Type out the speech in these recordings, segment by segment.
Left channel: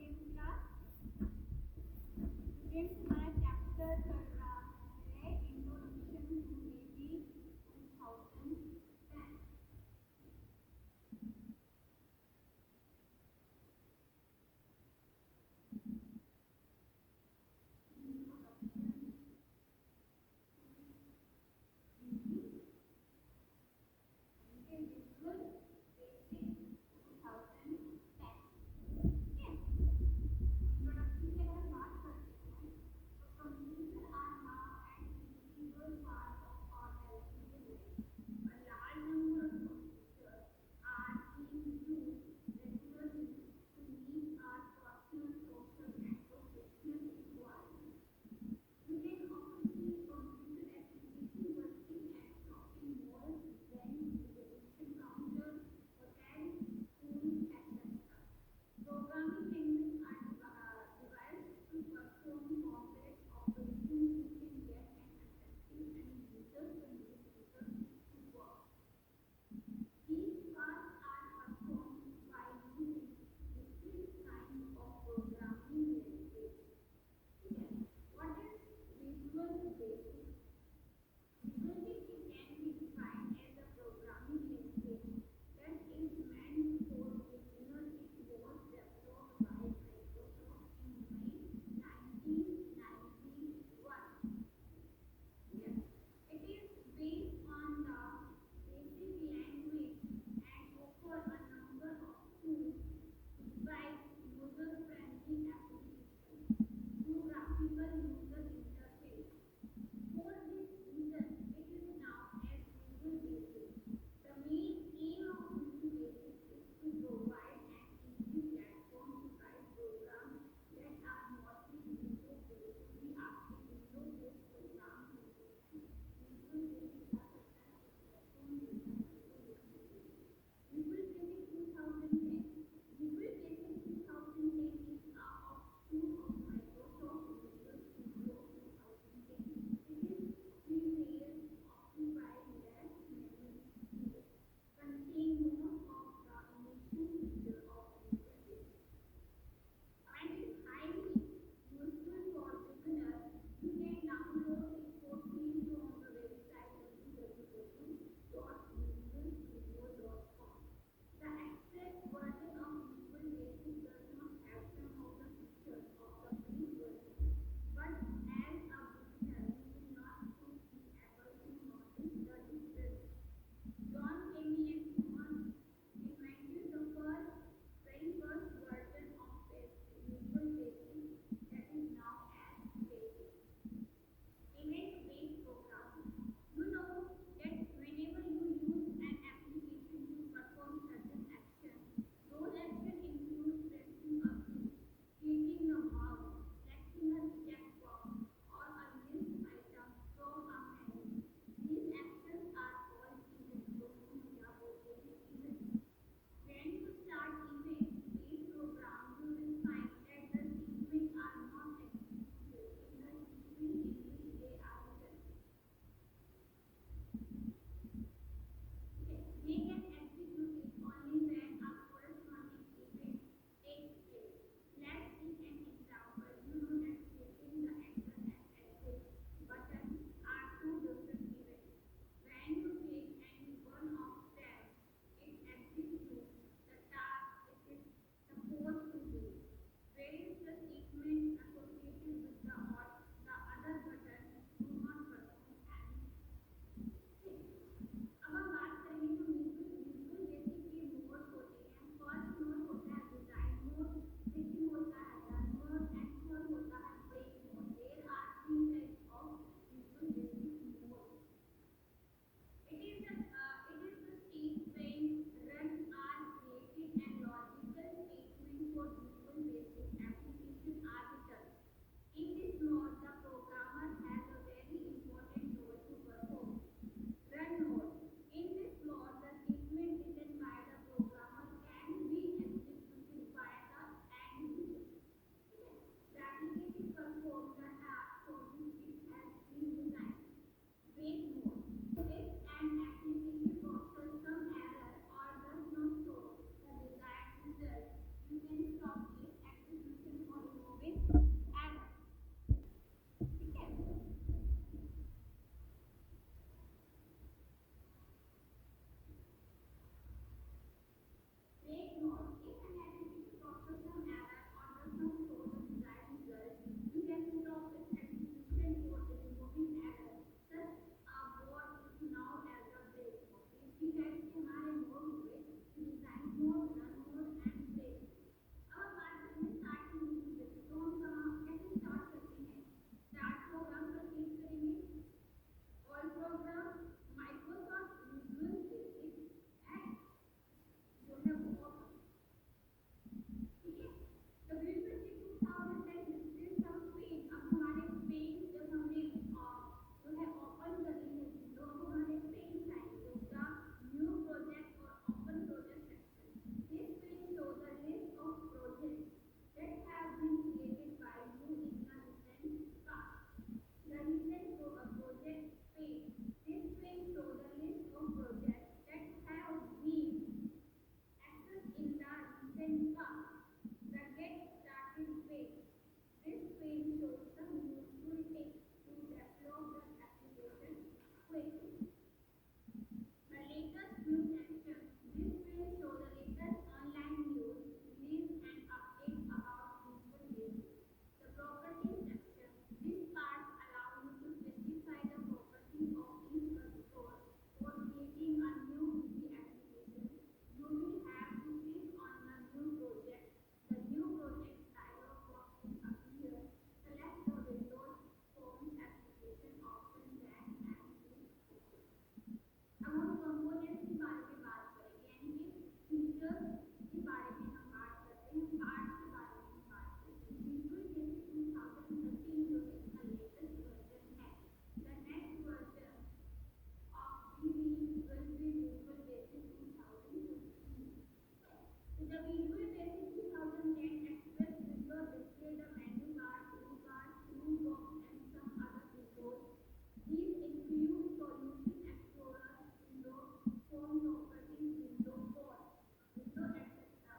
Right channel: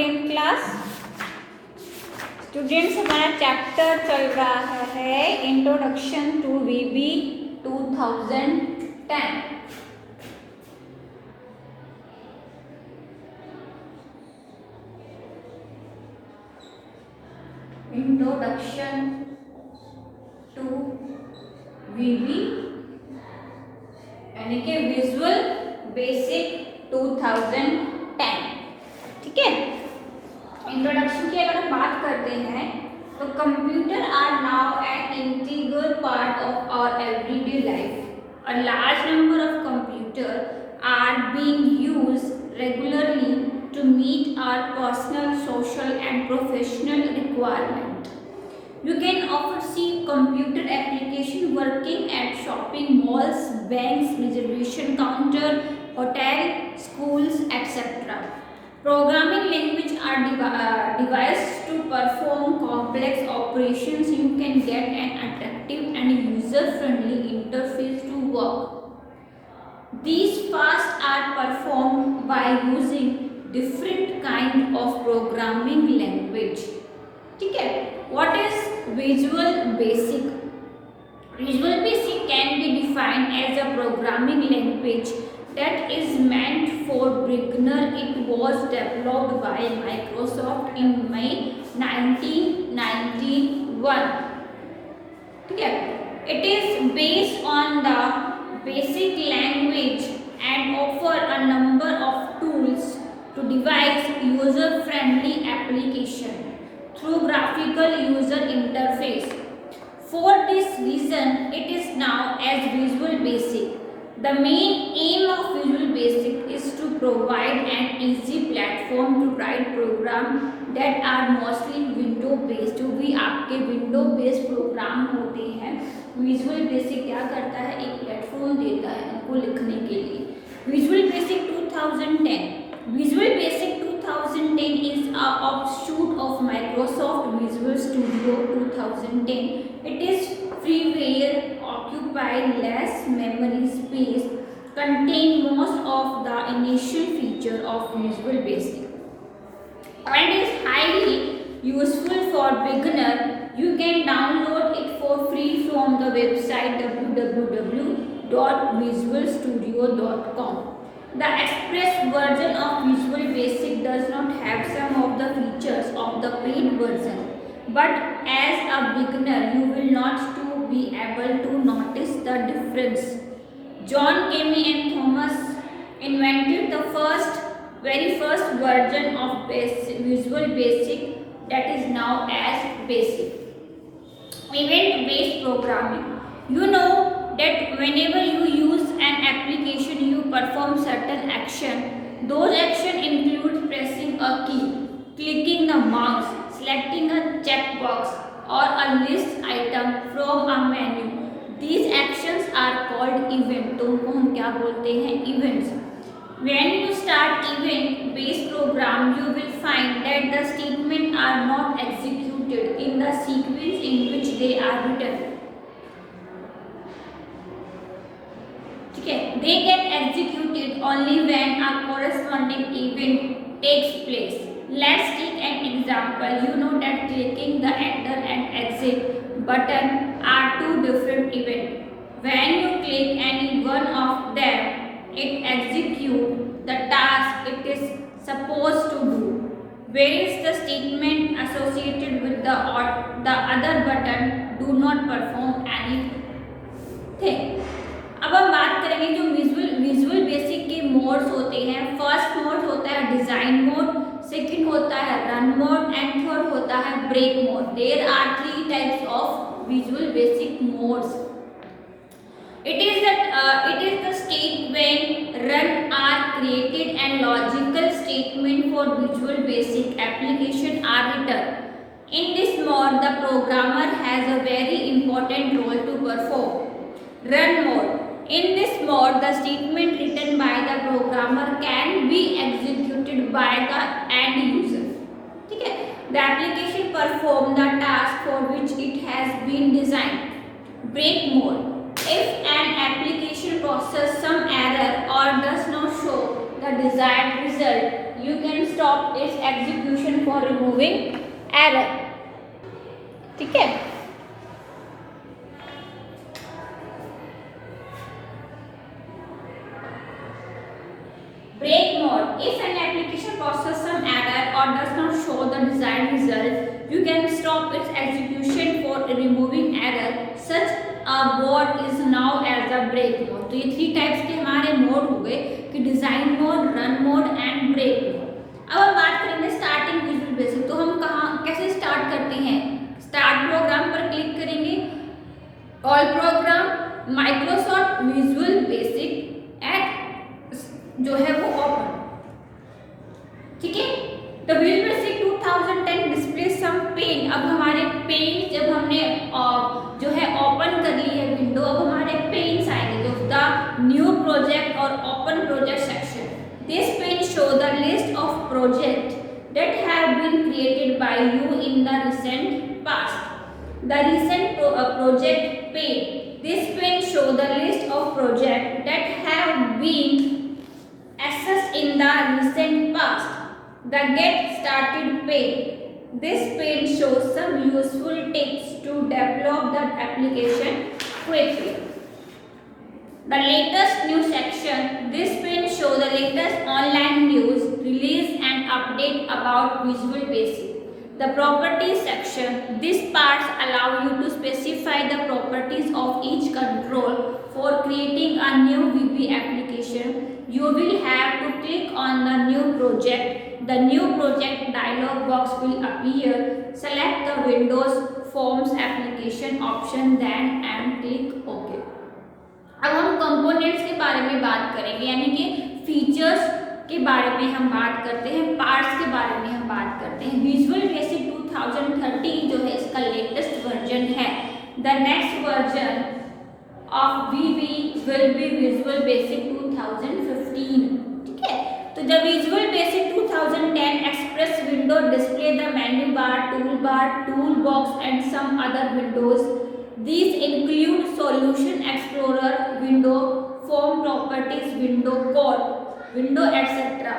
10th class students, हमारा chapter चल रहा है introduction to VB 2010। Introduction to VB यानी कि विजुअल बेसिक 2010। ठीक है, इंट्रोडक्शन की अगर हम बात करते हैं तो computer are now an integral part of our everyday life. A large number of computer are being used regularly to meet our personal, social and professional requirement. You can often see computer application working at shopping malls, banks, reservation counter, hotel, schools, etc. Programming language are devised to perform complex operations. You can get an attractive and user-friendly interface to work. These tasks are performed by using different kind of programming language. ठीक है, what is Visual Basic? Visual Basic can be defined as a programming language that is meant for beginner. It was developed by Microsoft in May 1991. ठीक है, it is based on the basic language and offer a number of tools to devise user-friendly application through graphical user interface. For this reason, it is now as Visual Basic. The main aim of Visual Basic is to provide an easy platform to write programs that are mostly window based. जो भी आपके window based programme होते हैं, Visual Basic क्या करता है, एक platform देता है उनको लिखने के लिए. Visual Basic 2010. Visual Basic 2010 is an offshoot of Microsoft Visual Studio 2010. It is freeware, occupy less memory space, contain most of the initial feature of Visual Basic, and is highly useful for beginner. You can download it for free from the website www.visualstudio.com. The express version of Visual Basic does not have some of the features of the paid version, but as a beginner you will not to be able to notice the difference. John Kami and Thomas invented the very first version of Visual Basic, that is now as Basic. Event-based programming. You know that whenever you use an application, you perform certain action. Those action include pressing a key, clicking the mouse, selecting a checkbox or a list item from a menu. These actions are called event. तो उनको हम क्या बोलते हैं, events. When you start event-based program, you will find that the statements are not executed in the sequence in which they are written. They get executed only when a corresponding event takes place. Let's take an example. You know that clicking the enter and exit button are two different events. When you click any one of them, it executes the task it is supposed to do, whereas the statement associated with the other button do not perform anything. अब हम बात करेंगे जो visual basic के modes होते हैं. First mode होता है डिजाइन मोड, सेकंड होता है रन मोड एंड थर्ड होता है break mode. There are 3 types of Visual Basic modes. It is the state when run are created and logical statement for Visual Basic application are written. In this mode, the programmer has a very important role to perform. Run mode. In this mode, the statement written by the programmer can be executed by the end user. ठीक है, the application perform the task for which it has been designed. Break mode. If an application processes some error or does not show the desired result. You can stop its execution for removing error. ठीक है. Break mode. If an application processes some error or does not show the desired result, you can stop its execution for removing error. Such a mode is now as a break mode. तो ये 3 types के हमारे mode हो गए कि design mode, run mode and break mode. अब हम बात करेंगे स्टार्टिंग विजुअल बेसिक. तो हम कहाँ कैसे स्टार्ट करते हैं? स्टार्ट प्रोग्राम पर क्लिक करेंगे, all program, Microsoft Visual Basic at जो है वो ओपन. ठीक है. तो Visual Basic 2010 display some pane. अब हमारे पेन जब हमने जो है ओपन कर ली है विंडो, अब हमारे पेन्स आएंगे. तो द न्यू प्रोजेक्ट और open project section. This pane show the list of project that have been created by you in the recent past. The recent project pane. This pane show the list of projects that have been accessed in the recent past. The get started pane. This pane shows some useful tips to develop the application quickly. The latest news section. This pane shows the latest online news, release and update about Visual Basic. The properties section. These parts allow you to specify the properties of each control. For creating a new VB application, you will have to click on the new project. The new project dialog box will appear. Select the Windows Forms application option then and click OK. अब हम components के बारे में बात करेंगे, यानी कि features के बारे में हम बात करते हैं, पार्ट्स के बारे में हम बात करते हैं. विजुअल बेसिक 2030 जो है इसका लेटेस्ट वर्जन है. The next version of VB will be Visual Basic 2015. ठीक है. तो जब Visual Basic 2010 express window display the menu bar, tool bar, tool box and some other windows. These include Solution Explorer window, Form Properties window, Code window, etc.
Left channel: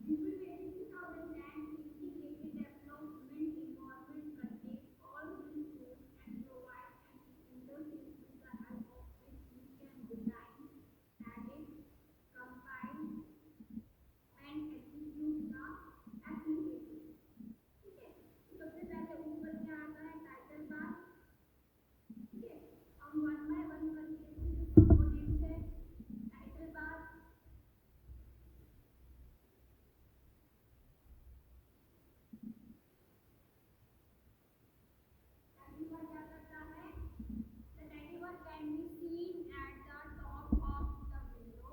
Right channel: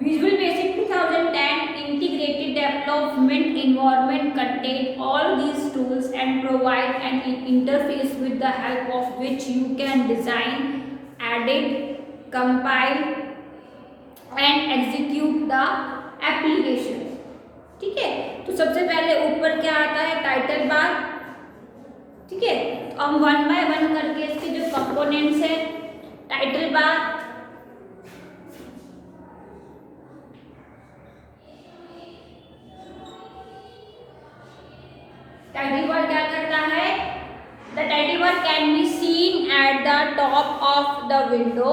Visual Basic 2010 integrated development environment contain all these tools and provide an interface with the help of which you can design, edit, compile and execute the application. ठीक है. तो सबसे पहले ऊपर क्या आता है? Title bar. ठीक है. तो हम 1 बाय 1 करके इसके जो कंपोनेंट्स है, टाइटल बार, टाइटल बार क्या करता है? The title bar can be seen at the top of the window.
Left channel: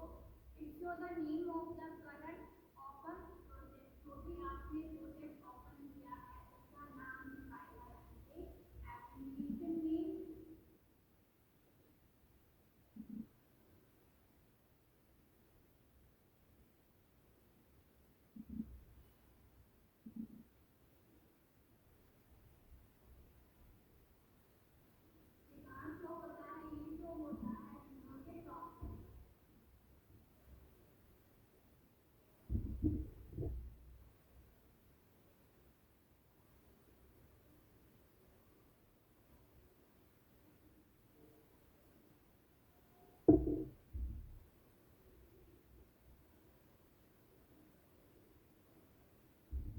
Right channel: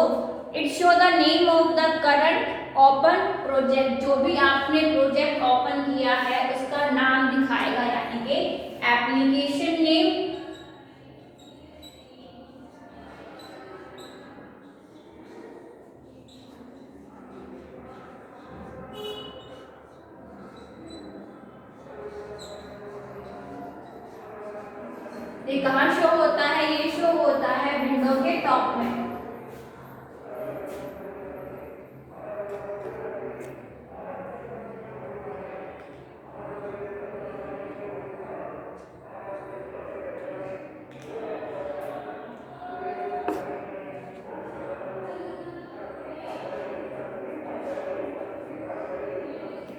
It show the name of the current open project. जो भी आपने प्रोजेक्ट ओपन किया है उसका नाम दिखाएगा, यानी कि एप्लीकेशन नेम, ये कहाँ शो होता है? ये शो होता है विंडो के टॉप में.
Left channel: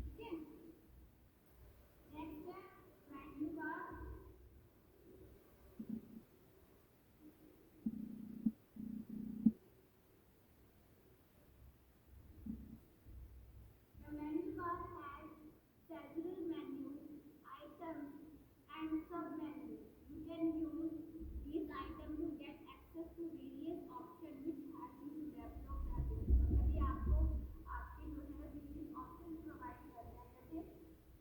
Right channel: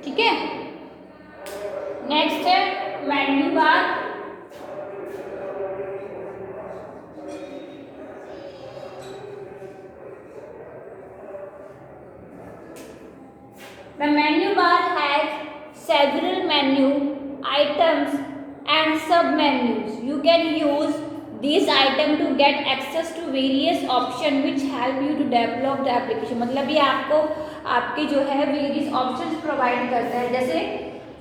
ठीक है. नेक्स्ट है menu bar. The menu bar has several menu items and sub-menus. You can use these items to get access to various options which help you to develop the application. मतलब ये आपको आपके जो है वेरियस ऑप्शंस प्रोवाइड करता है, जैसे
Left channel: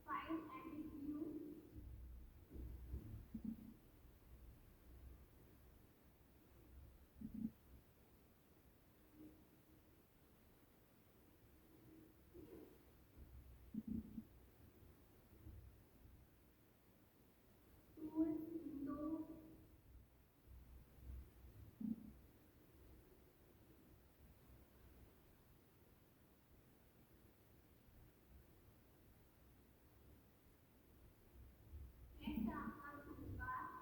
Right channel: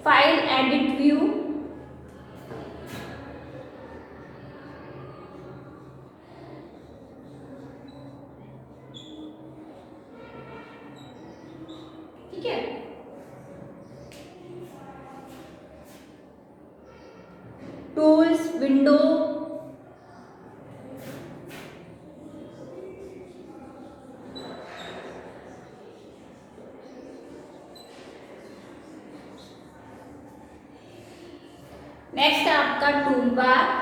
file, edit, view. ठीक है. टूल्स, विंडो, नेक्स्ट है आपका tool bar.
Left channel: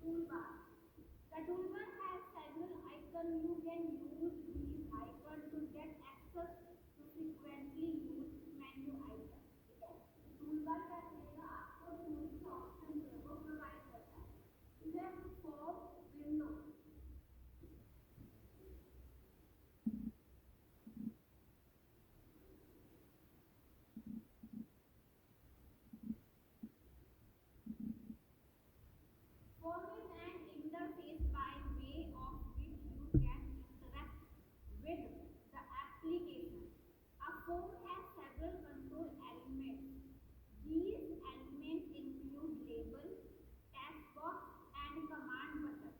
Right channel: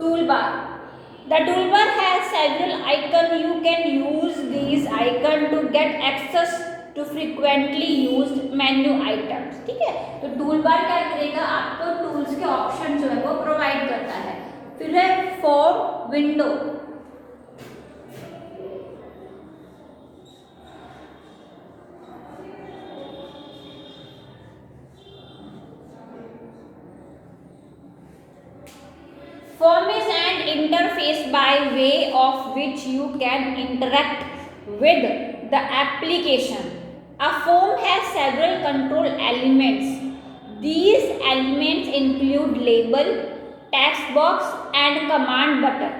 Toolbar. The toolbar has several icons. You can use these icons to get access to frequently used menu items. ठीक है, तो टूल बार क्या करेगा, आपको टूल्स के ऑप्शन जो है वो प्रोवाइड करता है। फिर है form window. Form is an interface by way of which you can interact with the application. A form has several control elements. These elements include label, text box and command button.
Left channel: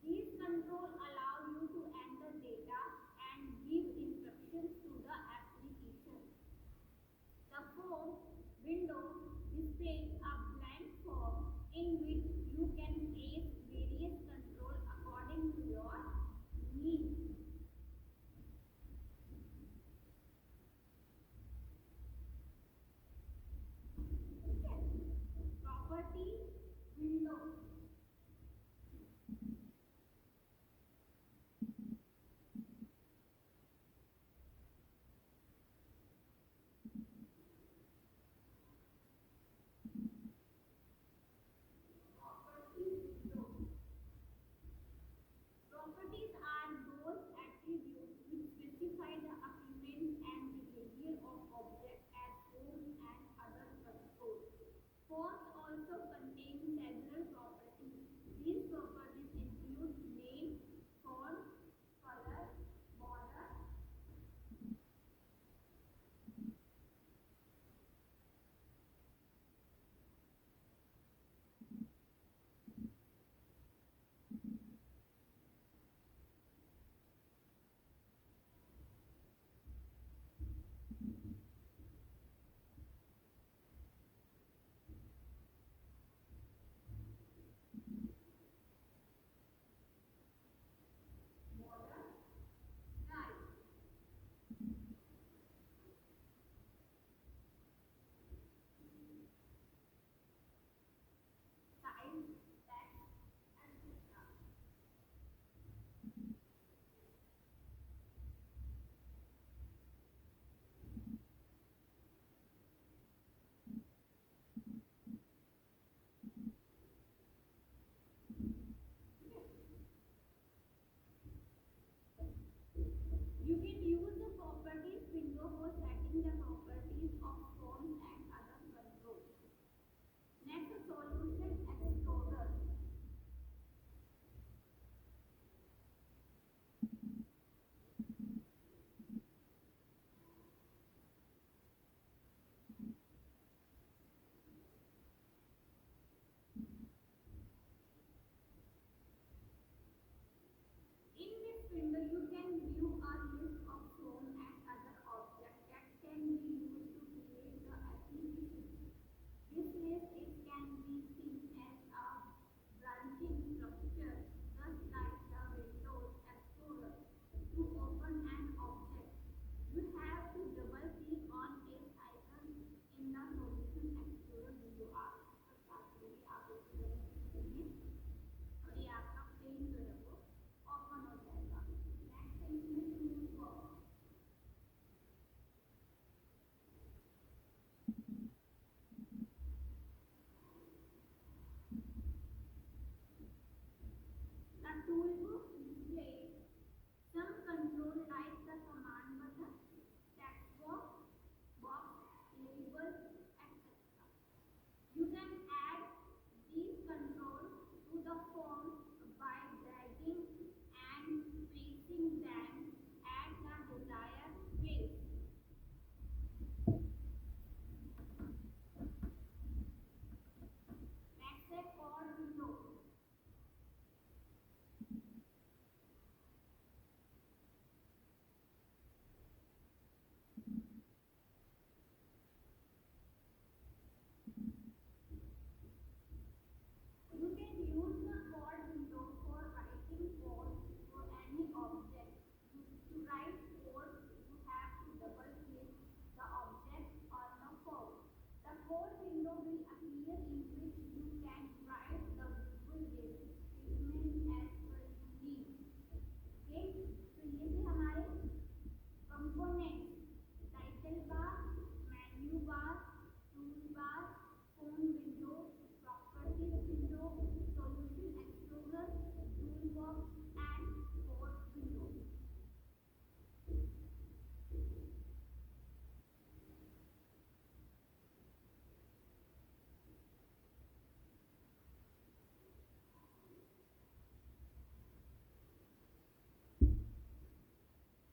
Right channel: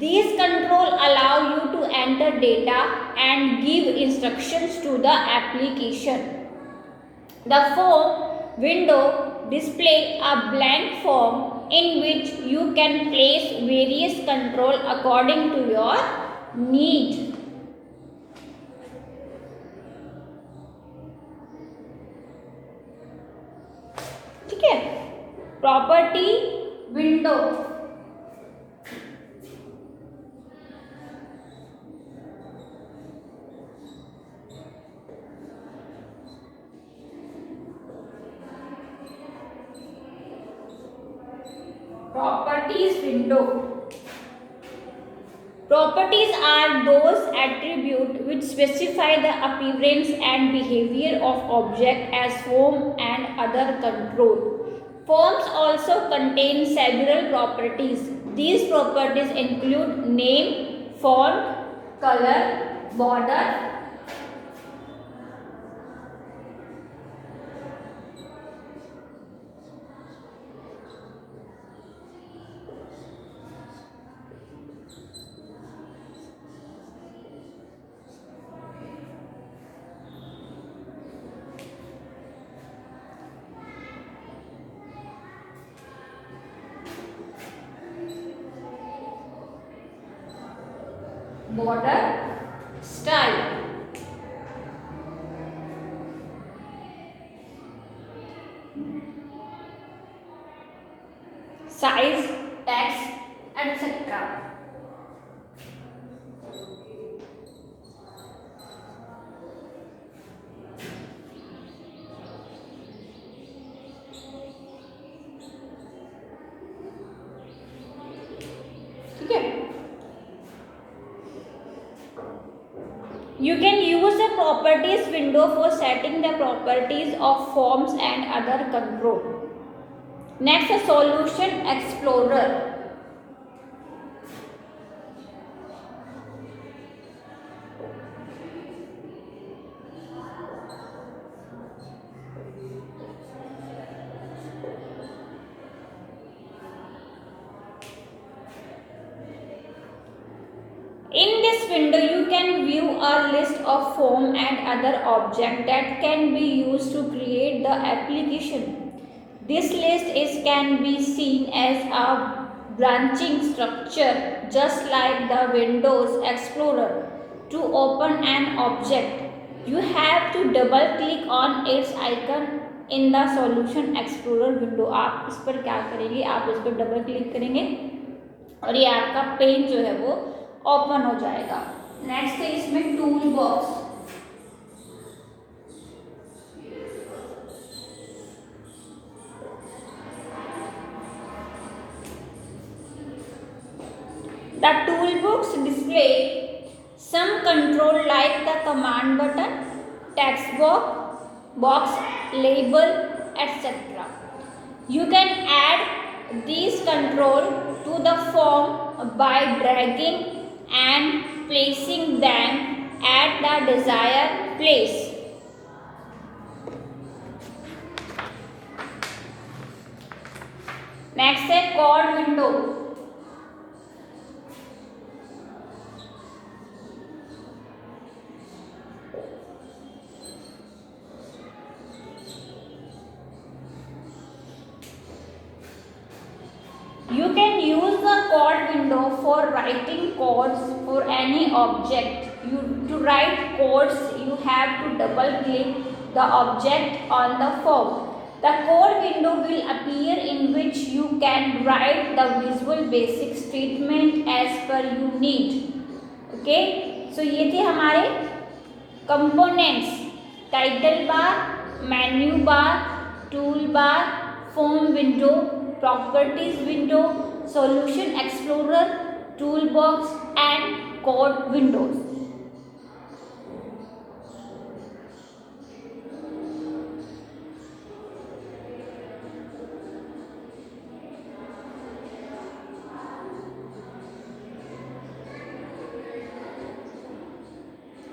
These control allow you to enter data and give instructions to the application. The form window displays a blank form in which you can place various control according to your need. ठीक है, property window. Properties window. Properties are those attributes which specify the appearance and behavior of object as form and other control. Forms also contain several properties. These properties include name, font, color, border, border, style. Size, text, etc. ठीक है, you can use the properties window for setting the properties of forms and other control. Next, a solution explorer. In this window, you can view a list of form and other objects that can be used to create the application. This list can be seen as a branching structure, just like the Windows Explorer. To open an object, you have to double click on its icon in the Solution Explorer window. आप इस पर क्या करेंगे, आप इस पर double click करेंगे और ये आपका पेज जो है वो ओपन हो जाएगा। नेक्स्ट है इसमें tool box. The toolbox display some control like the command button, text box, label, etc. You can add these control to the form by dragging and placing them at the desired place. Next है code window. can use the code window for writing codes for any object. To write codes, you have to double click the object on the form. The code window will appear in which you can write the visual basic statement as per you need. Okay, so ये थे हमारे components: title bar, menu bar, tool bar, form window, properties window, solution explorer, toolbox and code windows.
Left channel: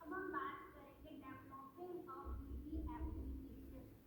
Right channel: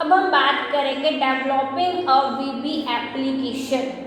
अब हम बात करेंगे developing अ वीबी application.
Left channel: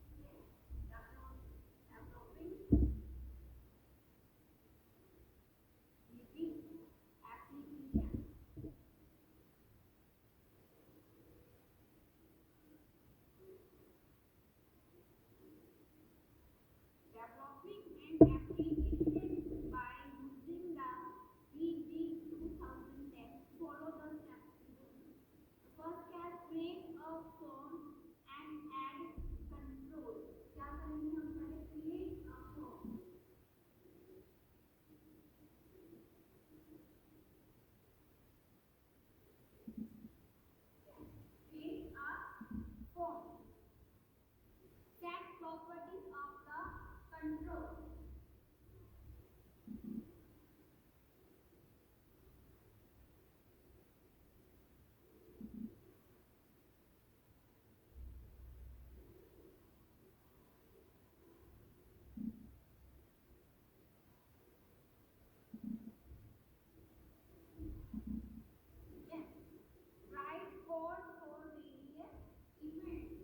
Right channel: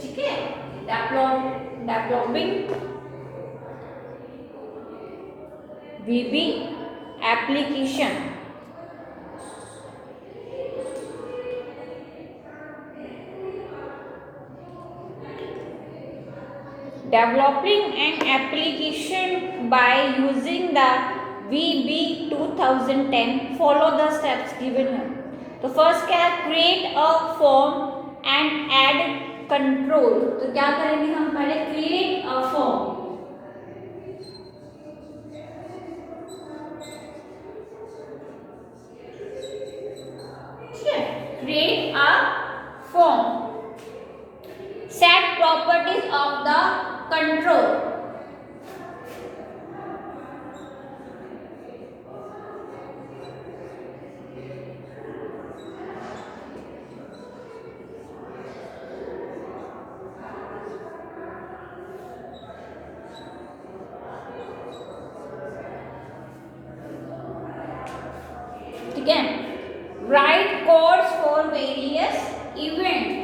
ठीक है, developing VB application. Developing an application by using the VB 2010. Follow the steps given here. तो first क्या है, create a form and add control. तो क्या करेंगे हम, पहले क्रिएट अ फॉर्म. ठीक है, create a form. Set properties of the control. ठीक है, write codes for various events.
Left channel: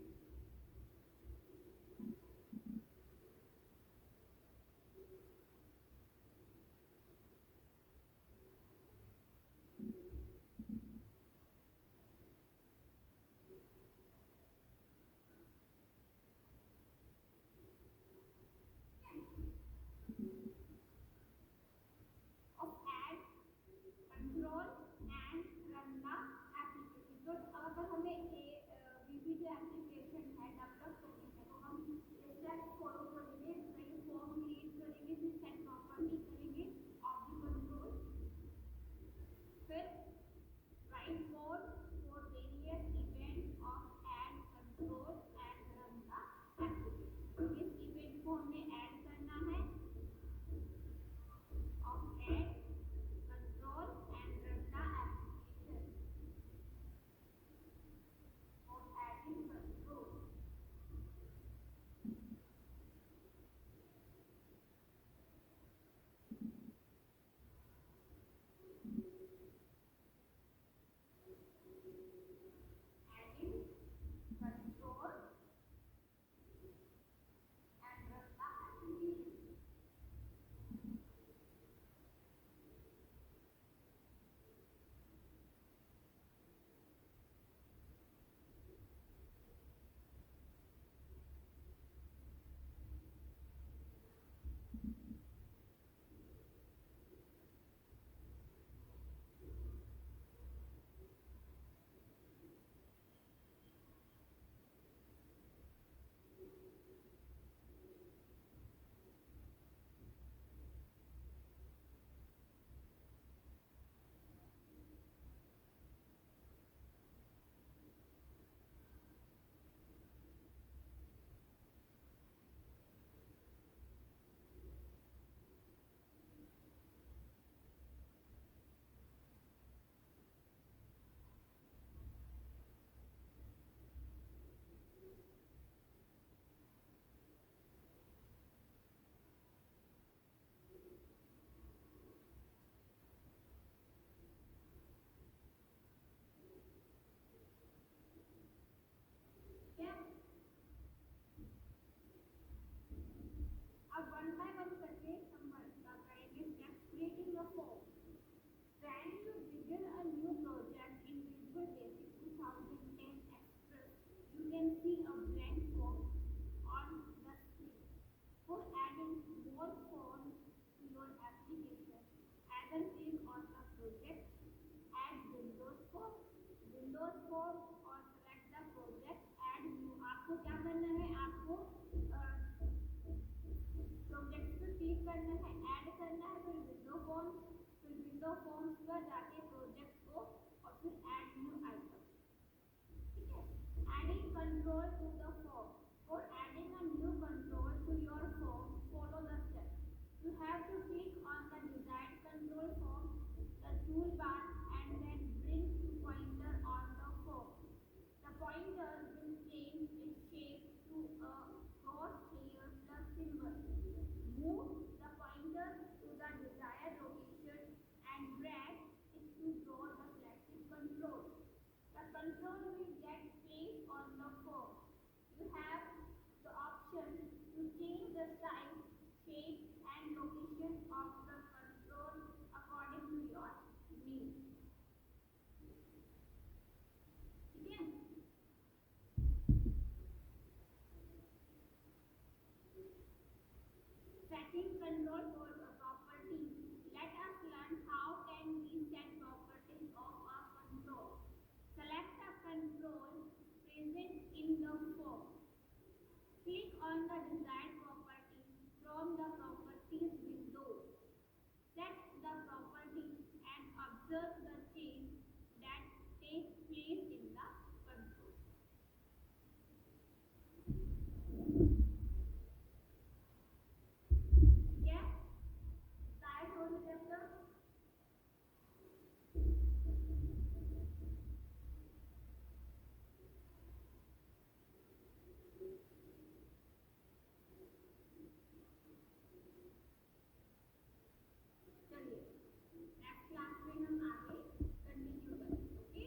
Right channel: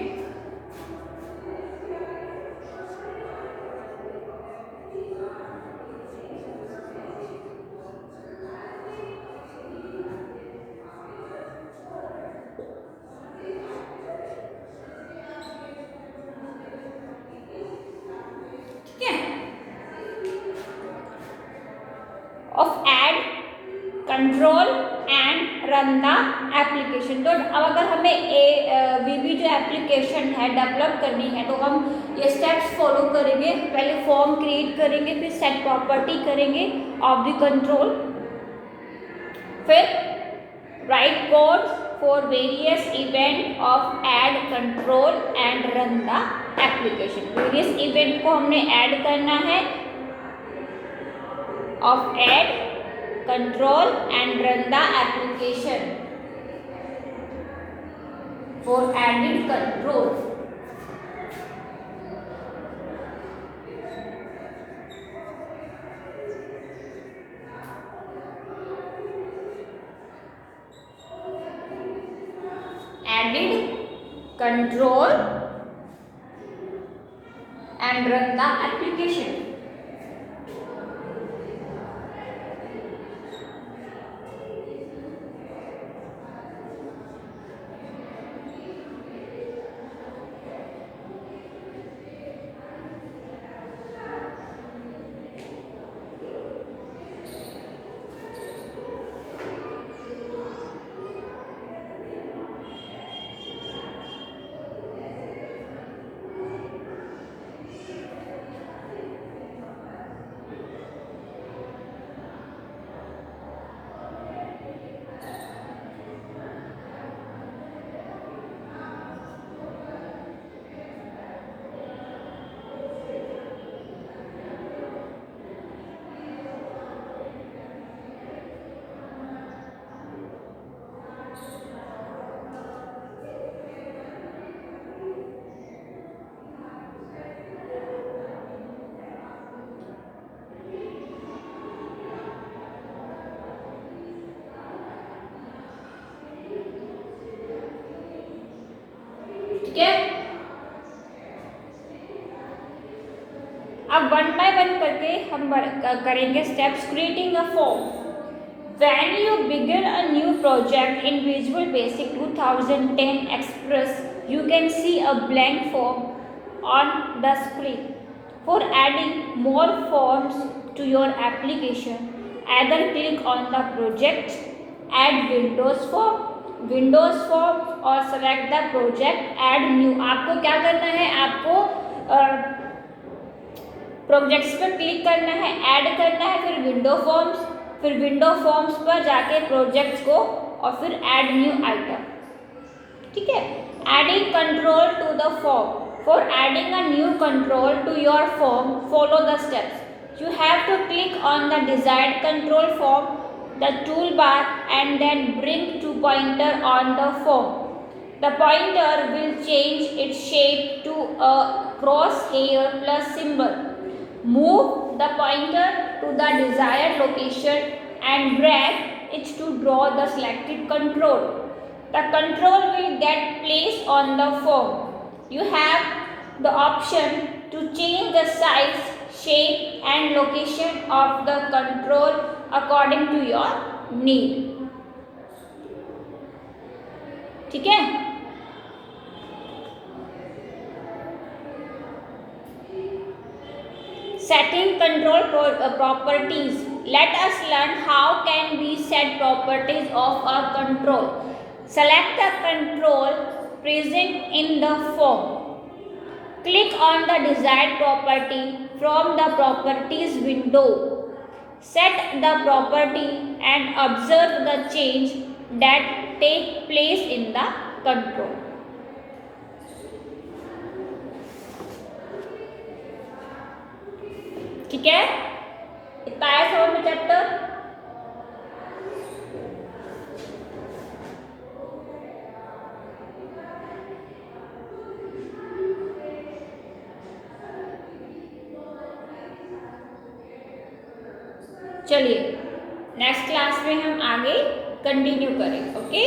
Of add, control and run the application. तो अब अगर हमें वीबी जो एप्लीकेशन है डेवलप करनी है तो हम ये स्टेप्स फॉलो करेंगे. पहले फॉर्म क्रिएट करेंगे, फिर सेट प्रॉपर्टी करेंगे ऑफ द कंट्रोल, फिर right code for various event of add, control and run the application. Various event को हमने ऐड करना है, of add, control and run the application. For added control, added control and run the application. ठीक है, अब one by one करके हम करेंगे steps. Creating a form. When you begin a new project in Visual Basic 2010 Express, you can see a blank form on the screen. For adding more forms to your application, either click on the project, add Windows form और select the project, add new. आपको क्या करना है, आपको projects पर click करना है, add करना है, फिर विंडो फॉर्म्स पर जाके प्रोजेक्ट्स को और फिर ऐड न्यू आइटम. ठीक है. Adding control to the form. For adding a new control to your form, follow the steps. You have to click on the desired control form, the toolbar, and then bring to pointer on the form. The pointer will change its shape to a crosshair plus symbol. Move the pointer to the desired location and drag it to draw the selected control. The control will get placed on the form. You have the option to change the size, shape and location of the control according to your need. ठीक है. Setting control properties. Let us learn how can we set properties of a control. Select the control present in the form. Click on the desired property from the properties window. Set the property and observe the change that take place in the control. ठीक है, इतना आया समझ में chapter. चलिए next class में हम आगे कंटिन्यू करें. ओके.